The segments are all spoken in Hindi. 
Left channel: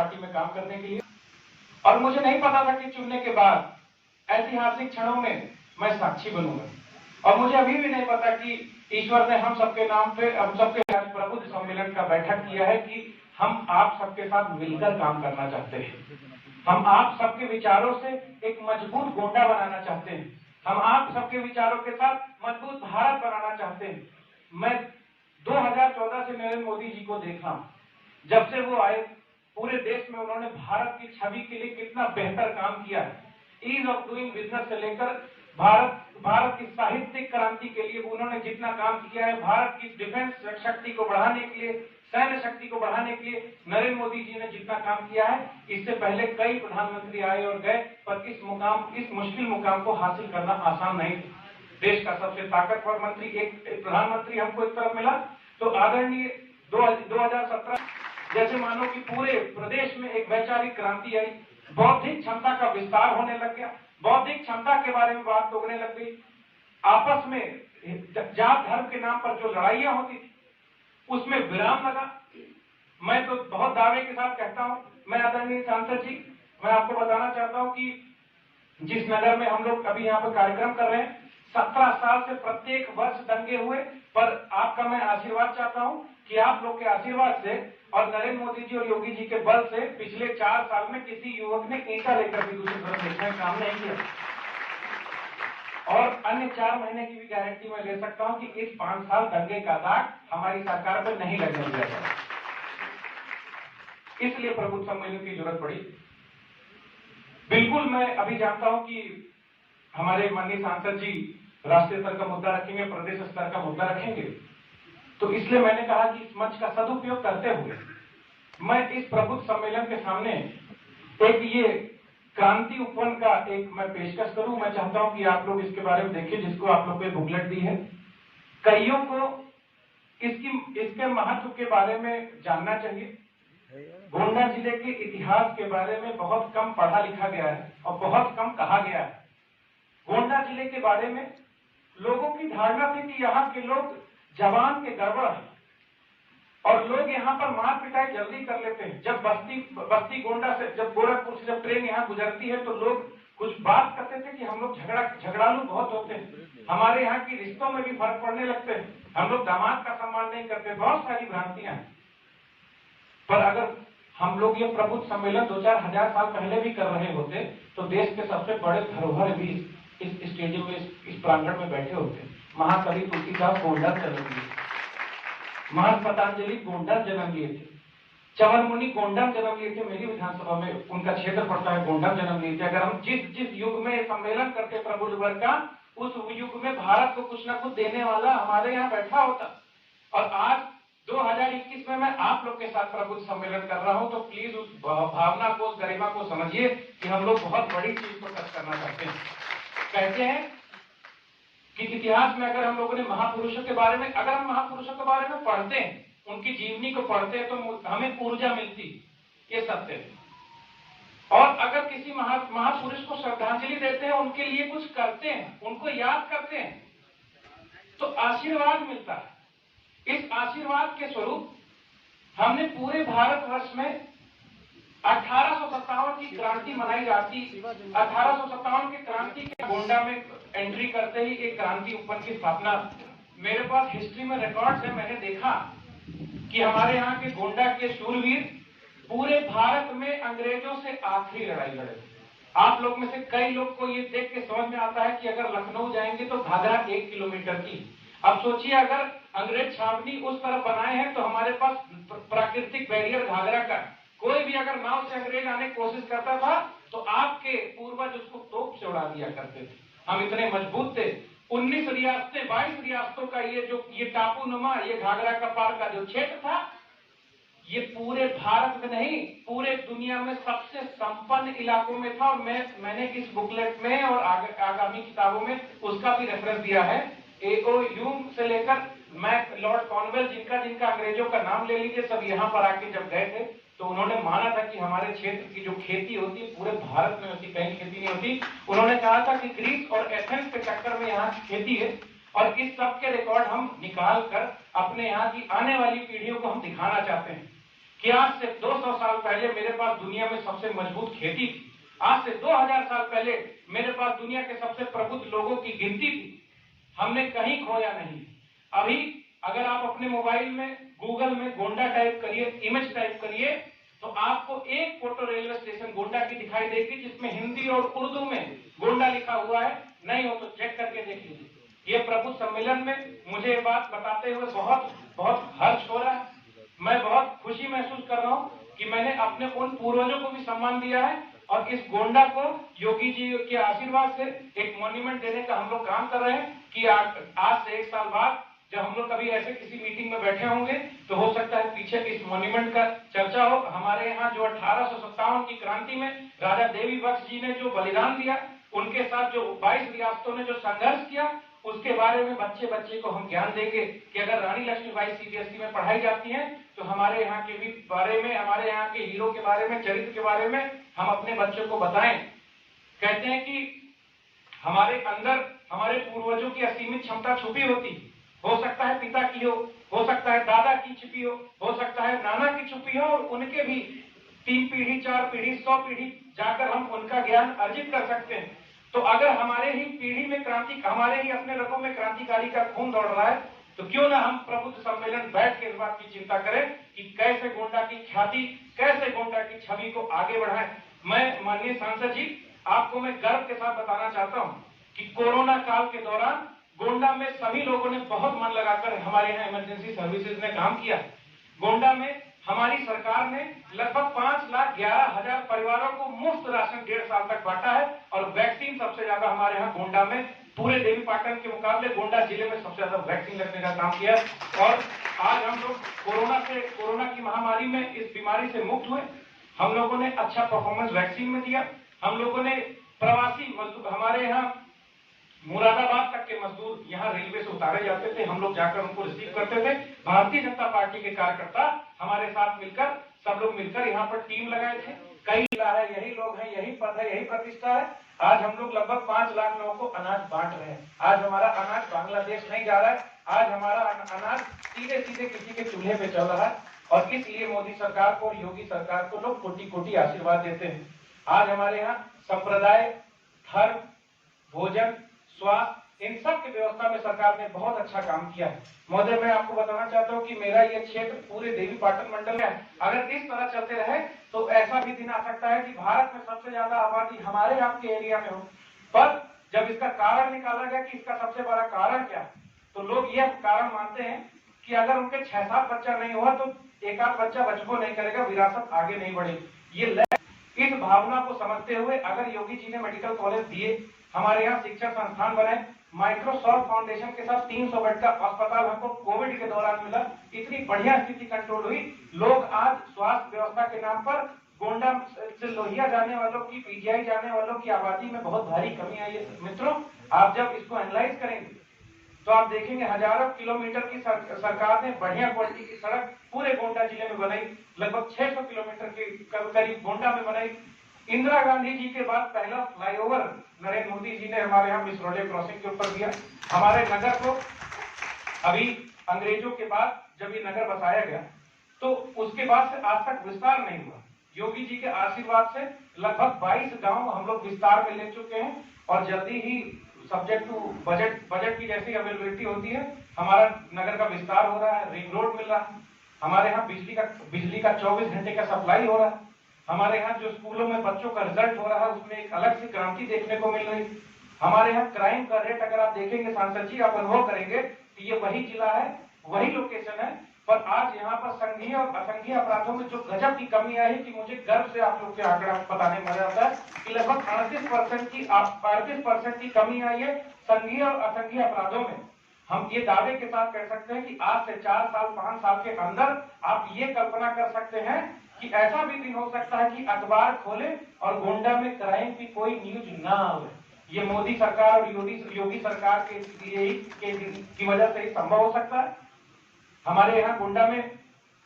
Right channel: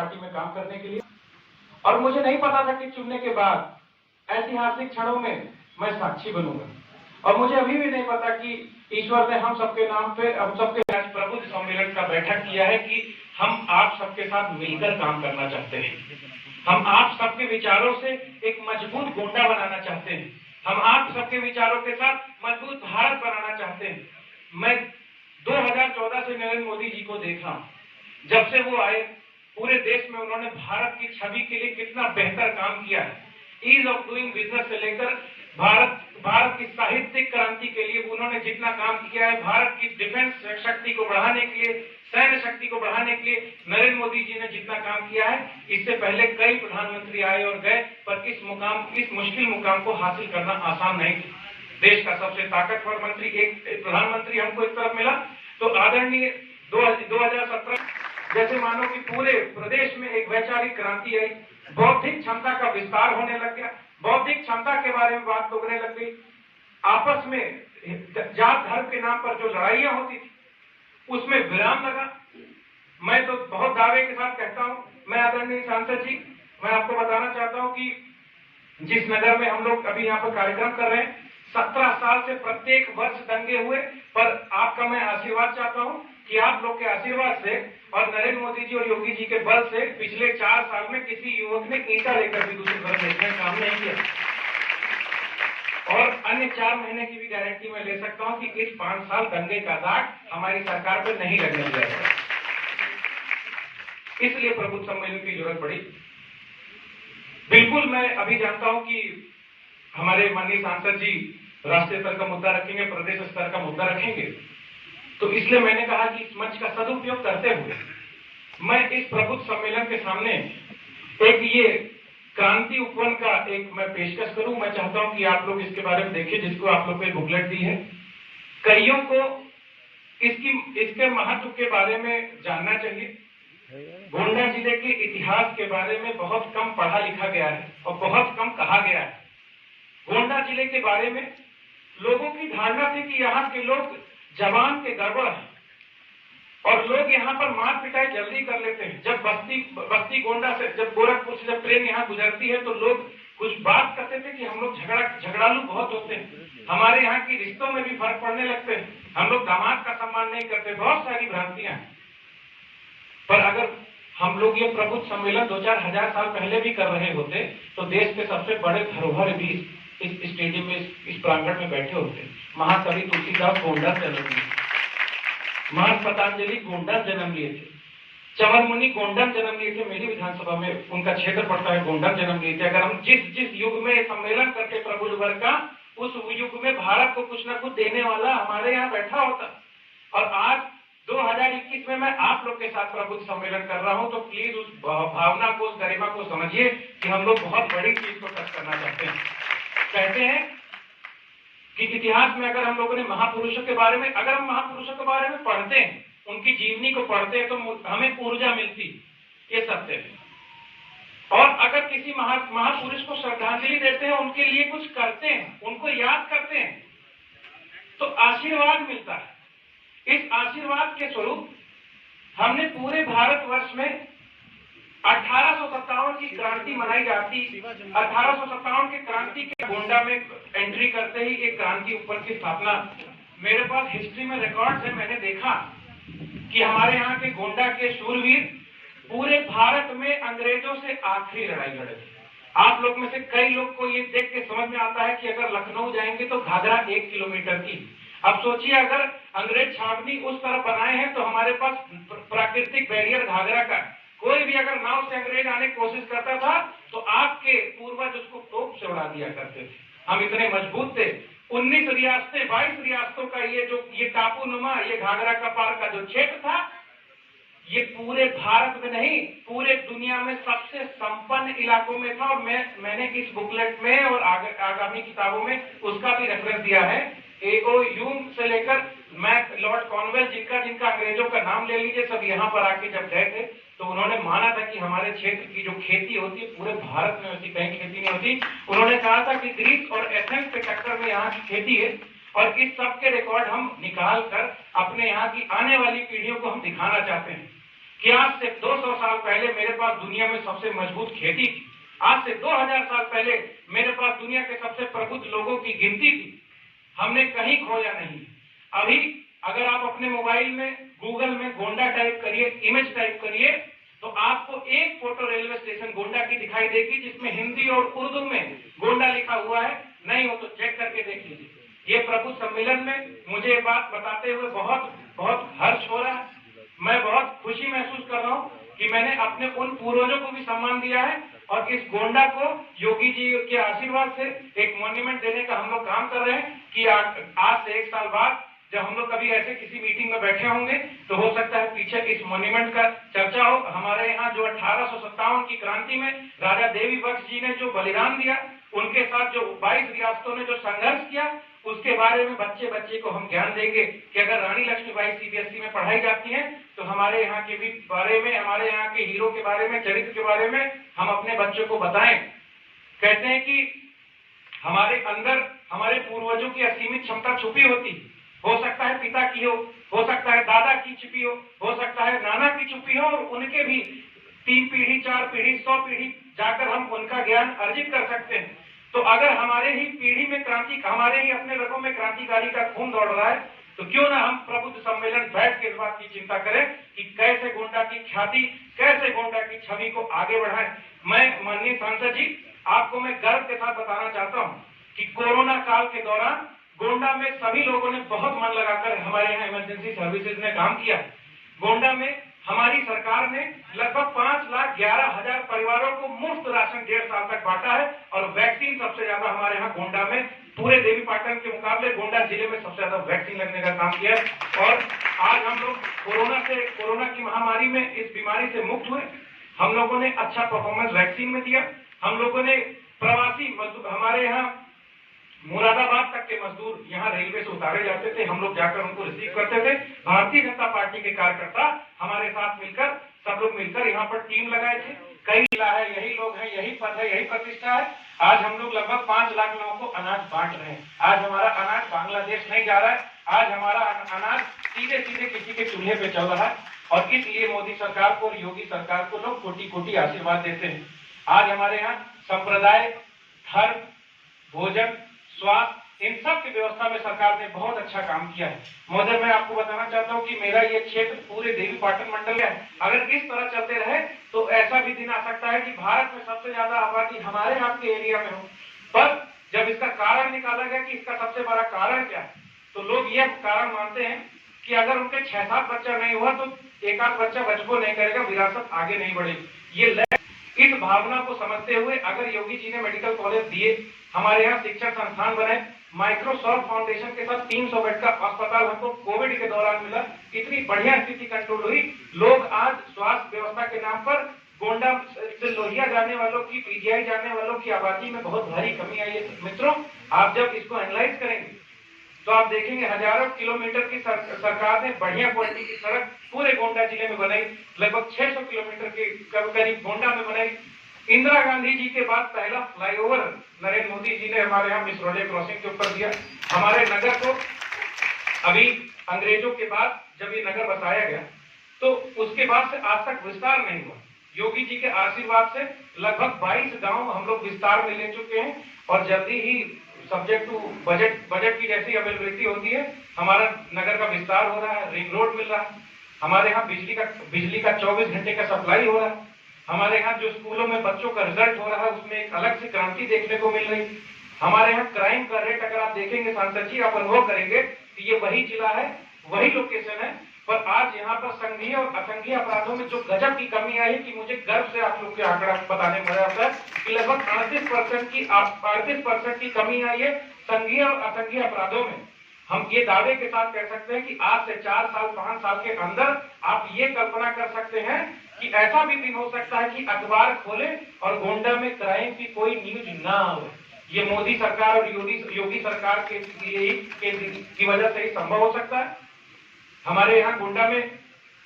पार्टी में काम करने के लिए। और मुझे नहीं पता था कि चुनने के बाद ऐतिहासिक क्षणों में मैं साक्षी बनूंगा। और मुझे अभी भी नहीं पता कि ईश्वर ने हम सबके नाम पे, हम सबके आज प्रबुद्ध सम्मेलन का बैठक किया है कि हम आप सबके साथ मिलकर काम करना चाहते हैं। हम आप सबके विचारों से एक मजबूत गोंडा बनाना चाहते हैं। हम आप सबके विचारों के साथ मजबूत भारत बनाना चाहते हैं। मैं 2014 से नरेंद्र मोदी जी को देखा, जब से वो आए पूरे देश में उन्होंने भारत की छवि के लिए कितना बेहतर काम किया है। ईज ऑफ डूइंग बिजनेस से लेकर भारत की साहित्यिक क्रांति के लिए उन्होंने जितना काम किया है, भारत की डिफेंस शक्ति को बढ़ाने के लिए, सैन्य शक्ति को बढ़ाने के लिए नरेंद्र मोदी जी ने जितना काम किया है, इससे पहले कई प्रधानमंत्री आए और गए, पर इस मुश्किल मुकाम को हासिल करना आसान नहीं था। देश का सबसे ताकतवर मंत्री, एक प्रधानमंत्री हमको एक तरफ मिला, तो आदरणीय 2017 जैसे मानो कि पूरे प्रदेश में एक वैचारिक क्रांति आई, बौद्धिक क्षमता का विस्तार होने लग गया, बौद्धिक क्षमता के बारे में बात होने लग गई। आपस में जात धर्म के नाम पर जो लड़ाइयां होती थी उसमें विराम लगा। मैं तो बहुत दावे के साथ कहता हूं, मैं आदरणीय सांसद जी, मैं आपको बताना चाहता हूं कि जिस नगर में हम लोग अभी यहाँ पर कार्यक्रम कर रहे हैं, 17 साल से प्रत्येक वर्ष दंगे हुए, पर आपका मैं आशीर्वाद चाहता हूं कि आप लोग के आशीर्वाद से और नरेंद्र मोदी जी और योगी जी के बल से पिछले 4 साल में किसी युवक ने ईंटा लेकर भी दूसरी तरफ देखने का काम नहीं किया। और अन्य 4 महीने की भी गारंटी मैं ले सकता हूं कि इस 5 साल दंगे का दाग हमारी सरकार पर नहीं लगने दिया जाएगा। इसलिए प्रबुद्ध सम्मेलन की जरूरत पड़ी। बिल्कुल मैं अभी जानता हूं कि हमारे माननीय सांसद जी राष्ट्रीय स्तर का मुद्दा रखेंगे, प्रदेश स्तर का मुद्दा रखेंगे, तो इसलिए मैंने कहा कि इस मंच का सदुपयोग करते हुए मैं इस प्रबुद्ध सम्मेलन के सामने एक ये क्रांति उपवन का एक मैं पेशकश करूं। मैं चाहता हूं कि आप लोग इसके बारे में देखिए, जिसको आप लोग को बुकलेट दी है। कईयों को इसके महत्व के बारे में जानना चाहिए। गोंडा जिले के इतिहास के बारे में बहुत कम पढ़ा लिखा गया है और बहुत कम कहा गया है। गोंडा जिले के बारे में लोगों की धारणा थी कि यहाँ के लोग जवान के गड़बड़ है और लोग यहाँ पर मार पिटाई जल्दी कर लेते हैं। जब बस्ती गोंडा से, जब गोरखपुर से जब ट्रेन यहाँ गुजरती है तो लोग कुछ बात करते थे कि हम लोग झगड़ालू बहुत होते हैं, हमारे यहाँ की रिश्तों में भी फर्क पड़ने लगते हैं, हम लोग दामाद का सम्मान नहीं करते, बहुत सारी भ्रांतियां हैं। पर अगर हम लोग ये प्रबुद्ध सम्मेलन 2-4 हजार साल पहले भी कर रहे होते तो देश के सबसे बड़े धरोहर भी इस स्टेडियम में, इस प्रांगण में बैठे होते। महाकवि तुलसीदास गोंडा जन्म लिए, महान पतंजलि गोंडा जन्म लिए थे, चवर मुनि गोंडा जन्म लिए थे, मेरी विधानसभा में उनका क्षेत्र पड़ता है, गोंडा जन्म लिए थे। अगर हम जिस युग में सम्मेलन करते प्रबुद्ध वर्ग का, उस युग में भारत को कुछ न कुछ देने वाला हमारे यहाँ बैठा होता। और आज 2021 में मैं आप लोग के साथ प्रबुद्ध सम्मेलन कर रहा हूं, तो प्लीज उस भावना को, उस गरिमा को समझिए कि हम लोग बहुत बड़ी चीज को टच करना चाहते हैं। कहते हैं कि इतिहास में अगर हम लोगों ने महापुरुषों के बारे में, अगर हम महापुरुषों के बारे में पढ़ते हैं, उनकी जीवनी को पढ़ते हैं, तो हमें ऊर्जा मिलती, ये सत्य है। और अगर किसी महापुरुष को श्रद्धांजलि देते हैं, उनके लिए कुछ करते हैं, उनको याद करते हैं, तो आशीर्वाद मिलता है। इस आशीर्वाद के स्वरूप हमने पूरे भारतवर्ष में 1857 की क्रांति मनाई जाती। 1857 की क्रांति के गोंडा में एंट्री करते ही एक क्रांति उपवन की स्थापना, मेरे पास हिस्ट्री में रिकॉर्ड्स है। मैंने देखा कि हमारे यहाँ के गोंडा के शूरवीर पूरे भारत में अंग्रेजों से आखिरी लड़ाई लड़े थे। आप लोग में से कई लोग को ये देख के समझ में आता है कि अगर लखनऊ जाएंगे तो घाघरा 1 किलोमीटर की। अब सोचिए, अगर अंग्रेज छावनी उस तरफ बनाए हैं तो हमारे पास प्राकृतिक बैरियर घाघरा का, कोई भी अगर नाव से अंग्रेज आने की कोशिश करता था तो आपके पूर्वज उसको तोप से उड़ा दिया करते थे। हम इतने मजबूत थे। 19 रियासतें, 22 रियासतों का ये टापू नुमा, ये घाघरा का पार का जो क्षेत्र था, ये पूरे भारत में नहीं, पूरे दुनिया में सबसे संपन्न इलाकों में था। और मैंने इस बुकलेट में और आगामी किताबों में उसका भी रेफरेंस दिया है। एओ यूम से लेकर मैं लॉर्ड कॉर्नवेल, जिनका अंग्रेजों का नाम ले लीजिए, सब यहाँ पर आके जब गए थे तो उन्होंने माना था कि हमारे क्षेत्र की जो खेती होती है पूरे भारत में होती, कहीं खेती नहीं होती। उन्होंने कहा था कि ग्रीस और एथेंस के टक्कर में यहाँ की खेती है। और इस सब के रिकॉर्ड हम निकाल कर अपने यहाँ की आने वाली पीढ़ियों को हम दिखाना चाहते हैं। कि आज से 200 साल पहले मेरे पास दुनिया में सबसे मजबूत खेती थी, आज से 2000 साल पहले मेरे पास दुनिया के सबसे प्रबुद्ध लोगों की गिनती थी। हमने कहीं खोया नहीं। अभी अगर आप अपने मोबाइल में गूगल में गोंडा टाइप करिए, इमेज टाइप करिए, तो आपको एक फोटो रेलवे स्टेशन गोंडा की दिखाई देगी जिसमें हिंदी और उर्दू में गोंडा लिखा हुआ है। नहीं हो तो चेक करके देख लीजिए। ये प्रभु सम्मेलन में मुझे ये बात बताते हुए बहुत बहुत हर्ष हो रहा है। मैं बहुत खुशी महसूस कर रहा हूँ कि मैंने अपने उन पूर्वजों को भी सम्मान दिया है और इस गोंडा को योगी जी के आशीर्वाद से एक मॉन्यूमेंट देने का हम लोग काम कर रहे हैं कि आज से 1 साल बाद जब हम लोग कभी ऐसे किसी मीटिंग में बैठे होंगे तो हो सकता है पीछे इस मॉन्यूमेंट का चर्चा हो। हमारे यहाँ जो 1857 की क्रांति में राजा देवी बख्श जी ने जो बलिदान दिया, उनके साथ जो 22 रियासतों ने जो संघर्ष किया, उसके बारे में बच्चे को हम ज्ञान देंगे कि अगर रानी लक्ष्मीबाई सीबीएसई में पढ़ाई जाती है तो हमारे यहाँ के भी बारे में, हमारे यहाँ के हीरो के बारे में, चरित्र के बारे में हम अपने बच्चों को बताएं। कहते हैं कि हमारे अंदर हमारे पूर्वजों की असीमित क्षमता छुपी होती, हो सकता है पिता की हो सकता है दादा की छुपी हो सकता है नाना की छुपी हो, और उनके भी 3 पीढ़ी 4 पीढ़ी 100 पीढ़ी जाकर हम उनका ज्ञान अर्जित कर सकते हैं। तो अगर हमारे ही पीढ़ी में क्रांति, हमारे ही अपने रगों में क्रांतिकारी का खून दौड़ रहा है, तो क्यों ना हम प्रबुद्ध सम्मेलन बैठ के इस बात की चिंता करें कि कैसे गोंडा की ख्याति, कैसे गोंडा की छवि को आगे बढ़ाएं। मैं माननीय सांसद जी, आपको मैं गर्व के साथ बताना चाहता हूं कि कोरोना काल के दौरान गोंडा में सभी लोगों ने बहुत मन लगाकर हमारे यहाँ इमरजेंसी सर्विसेज में काम किया। गोंडा में हमारी सरकार ने लगभग 5,11,000 परिवारों को मुफ्त राशन 1.5 साल तक बांटा है और वैक्सीन सबसे ज्यादा हमारे यहाँ गोंडा में, पूरे देवी पाटन के मुकाबले गोंडा जिले में सबसे ज्यादा वैक्सीन लगने का काम किया है। और आज हम लोग कोरोना की महामारी में, इस बीमारी से मुक्त हुए। हम लोगों ने अच्छा परफॉर्मेंस वैक्सीन में दिया। हम लोगों ने प्रवासी मजदूर, हमारे यहाँ मुरादाबाद तक के मजदूर यहाँ रेलवे से उतारे जाते थे, हम लोग जाकर उनको रिसीव करते थे। भारतीय जनता पार्टी के कार्यकर्ता हमारे साथ मिलकर, सब लोग मिलकर यहाँ पर टीम लगाए थे। कई जिला है, यही लोग हैं, यही पद है, यही प्रतिष्ठा है। आज हम लोग लगभग 5 लाख लोगों को अनाज बांट रहे हैं। आज हमारा अनाज बांग्लादेश नहीं जा रहा है, आज हमारा अनाज सीधे सीधे किसी के चूल्हे पे चल रहा है। और इसलिए मोदी सरकार को और योगी सरकार को लोग कोटि कोटि आशीर्वाद देते हैं। आज हमारे यहाँ संप्रदाय, धर्म, भोजन, स्वास्थ्य, इन सब की व्यवस्था में सरकार ने बहुत अच्छा काम किया है। महोदय, मैं आपको बताना चाहता हूँ कि मेरा ये क्षेत्र पूरे देवी पाटन मंडल है। अगर इस तरह चलते रहे तो ऐसा भी दिन आ सकता है कि भारत में सबसे ज्यादा आबादी हमारे आपके एरिया में हो। पर जब इसका कारण निकाला गया कि इसका सबसे बड़ा कारण क्या है, तो लोग यह कारण मानते हैं कि अगर उनके 6-7 बच्चा नहीं हुआ तो एक आध बच्चा बचपो नहीं करेगा, विरासत आगे नहीं बढ़ेगी। ये इस भावना को समझते हुए अगर योगी जी ने मेडिकल कॉलेज दिए, हमारे यहाँ शिक्षण संस्थान बने, माइक्रोसॉफ्ट फाउंडेशन के साथ 300 बेड का अस्पताल हमको कोविड के दौरान मिला, इतनी बढ़िया स्थिति कंट्रोल हुई। लोग आज स्वास्थ्य व्यवस्था के नाम पर गोंडा से लोहिया जाने वालों की, पीजीआई जाने वालों की आबादी में बहुत भारी कमी आई है। मित्रों, आप जब इसको एनालाइज करेंगे तो आप देखेंगे हजारों किलोमीटर की सरकार ने बढ़िया क्वालिटी की सड़क पूरे गोंडा जिले में बनाई, लगभग 600 किलोमीटर के करीब गोंडा में बनाई। इंदिरा गांधी जी के बाद पहला फ्लाईओवर नरेंद्र मोदी जी ने हमारे यहाँ मिस रोडे क्रॉसिंग के ऊपर दिया। हमारे नगर को अभी अंग्रेजों के बाद जब ये नगर बसाया गया तो उसके बाद से आज तक विस्तार नहीं हुआ। योगी जी के आशीर्वाद से लगभग 22 गांव हम लोग विस्तार में ले चुके हैं और जल्दी ही सब्जेक्ट टू बजट की जैसी अवेलेबिलिटी होती है, हमारा नगर का विस्तार हो रहा है, रिंग रोड मिल रहा है। हमारे यहाँ बिजली का 24 घंटे का सप्लाई हो रहा है। हमारे यहाँ जो स्कूलों में बच्चों का रिजल्ट हो रहा है उसमें एक अलग सी क्रांति देखने को मिल रही। हमारे यहाँ क्राइम का रेट अगर आप देखेंगे सांसद जी, आप अनुभव करेंगे कि ये वही जिला है, वही लोकेशन है, पर आज यहाँ पर संघीय और असंघीय अपराधों में जो गजब की कमी आई कि मुझे गर्व से आप लोग के आंकड़ा बताने में मजा आता है कि लगभग 38% की कमी आई है संघीय और असंघीय अपराधों में। हम ये दावे के साथ कह सकते हैं कि आज से 4 साल 5 साल के अंदर आप ये कल्पना कर सकते हैं कि ऐसा भी दिन हो सकता है कि अखबार खोले और गोंडा में क्राइम की कोई न्यूज ना हो। ये मोदी सरकार और योगी सरकार की वजह से ही संभव हो सकता है। हमारे यहाँ गोंडा में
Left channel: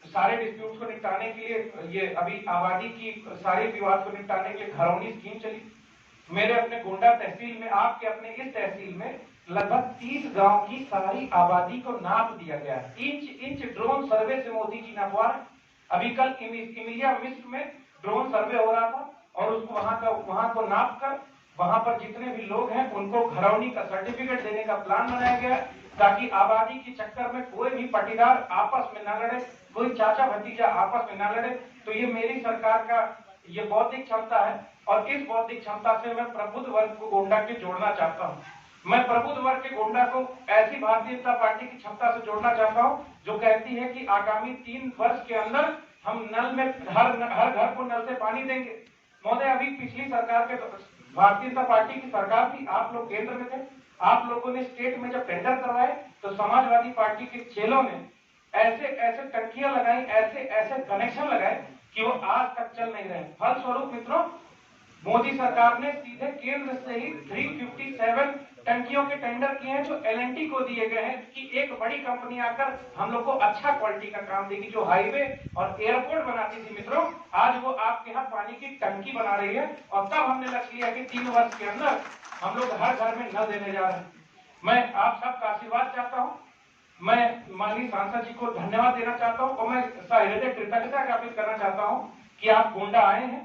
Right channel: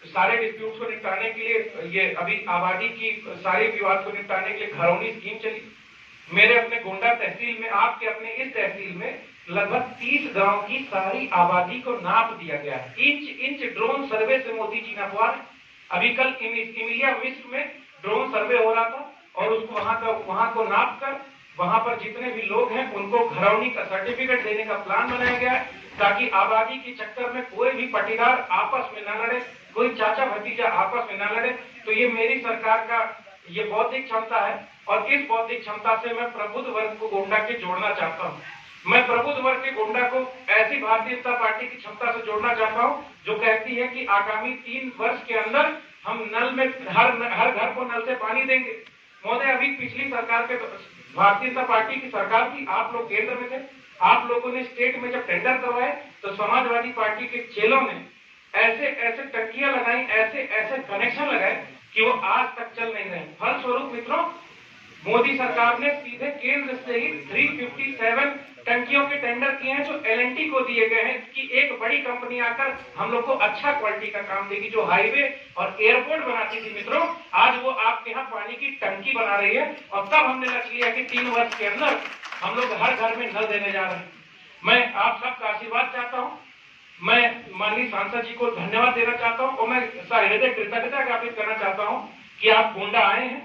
सारे डिस्प्यूट्स को निपटाने के लिए, ये अभी आबादी की सारे विवाद को निपटाने के लिए घरौनी स्कीम चली। मेरे अपने गोंडा तहसील में, आपके अपने इस तहसील में लगभग 30 गांव की सारी आबादी को नाप दिया गया है। इंच ड्रोन सर्वे से मोदी जी नपवा रहे। अभी कल इमिलिया मिस्र में ड्रोन सर्वे हो रहा था और उसको वहां को नाप कर वहां पर जितने भी लोग हैं उनको घरौनी का सर्टिफिकेट देने का प्लान बनाया गया है, ताकि आबादी के चक्कर में कोई भी पाटीदार आपस में न लड़े, कोई चाचा भतीजा आपस में न लड़े। तो ये मेरी सरकार का ये बौद्धिक क्षमता है और इस बौद्धिक क्षमता से मैं प्रबुद्ध वर्ग को गोंडा के जोड़ना चाहता हूँ। मैं प्रबुद्ध वर्ग के गोंडा को ऐसी भारतीय जनता पार्टी की क्षमता से जोड़ना चाहता हूँ जो कहती है कि आगामी 3 वर्ष के अंदर हम नल में हर घर को नल से पानी देंगे। महोदय, अभी पिछली सरकार के भारतीय जनता पार्टी की सरकार थी, आप लोग केंद्र में थे, आप लोगों ने स्टेट में जब टेंडर करवाए तो समाजवादी पार्टी के चेलों ने ऐसे ऐसे टंकियां लगाई, ऐसे ऐसे कनेक्शन लगाए कि वो आज तक चल नहीं रहे। फलस्वरूप मित्रों, मोदी सरकार ने सीधे केंद्र से ही 357 टंकियों के टेंडर किए हैं जो L&T को दिए गए हैं कि एक बड़ी कंपनी आकर हम लोग को अच्छा क्वालिटी का काम देगी। जो हाईवे और एयरपोर्ट बनाती थी मित्रों, आज वो आपके यहाँ पानी की टंकी बना रही है और तब हमने लक्ष्य लिया कि 3 वर्ष के अंदर हम लोग हर घर में नल देने जा रहे हैं। मैं आप सबका आशीर्वाद चाहता हूँ, मैं माननीय सांसद जी को धन्यवाद देना चाहता हूँ और मैं सहृदय कृतज्ञता ज्ञापित करना चाहता हूँ कि आप गोंडा आए हैं,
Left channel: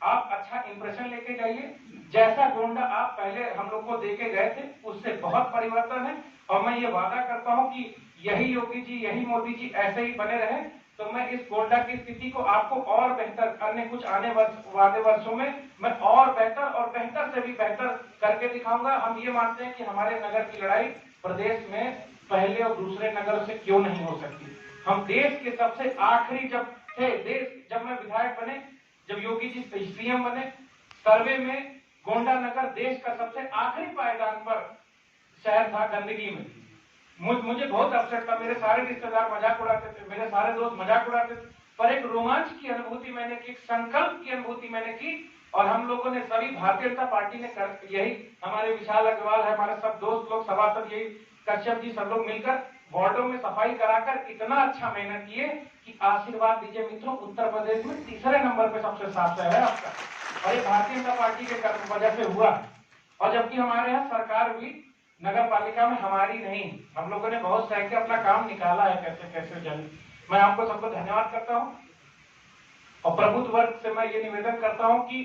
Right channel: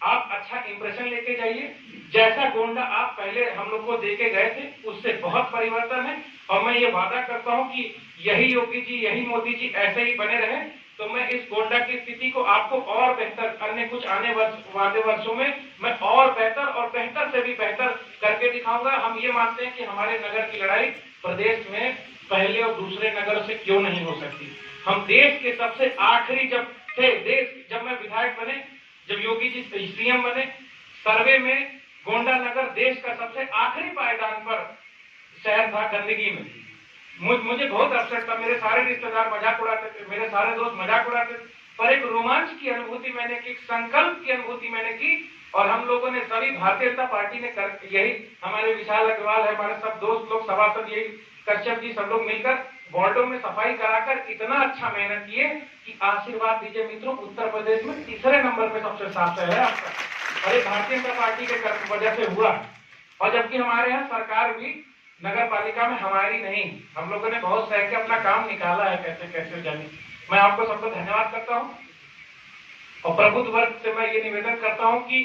आप अच्छा इंप्रेशन लेके जाइए। जैसा गोंडा आप पहले हम लोग को देके गए थे उससे बहुत परिवर्तन है और मैं ये वादा करता हूं कि यही योगी जी, यही मोदी जी ऐसे ही बने रहे तो मैं इस गोंडा की स्थिति को आपको और बेहतर, अन्य कुछ आने वाले वर्षों में मैं और बेहतर से भी बेहतर करके दिखाऊंगा। हम ये मानते हैं कि हमारे नगर की लड़ाई प्रदेश में पहले और दूसरे नगर से क्यों नहीं हो सकती। हम देश के सबसे आखिरी जब मैं विधायक बने, जब योगी जी सीएम बने, सर्वे में गोंडा नगर देश का सबसे आखिरी पायदान पर शहर था गंदगी में। मुझे बहुत अपसेट था, मेरे सारे रिश्तेदार मजाक उड़ाते थे, मेरे सारे दोस्त मजाक उड़ाते थे, पर एक रोमांच की अनुभूति मैंने की, संकल्प की अनुभूति मैंने की और हम लोगों ने सभी भारतीय जनता पार्टी ने यही हमारे विशाल अग्रवाल है, हमारे सब दोस्त लोग सभासद, यही कश्यप जी, सब लोग मिलकर वार्डों में सफाई कराकर इतना अच्छा मेहनत किए कि आशीर्वाद दीजिए मित्रों, उत्तर प्रदेश में तीसरे नंबर पे सबसे साफ शहर है आपका। अरे भारतीय जनता पार्टी के वजह से हुआ। और जबकि हमारे यहाँ सरकार भी नगर पालिका में हमारी नहीं, हम लोगों ने बहुत सह के अपना काम निकाला है कैसे कैसे जाने। मैं आपको सबको धन्यवाद करता हूँ और प्रबुद्ध वर्ग से मैं ये निवेदन करता हूँ कि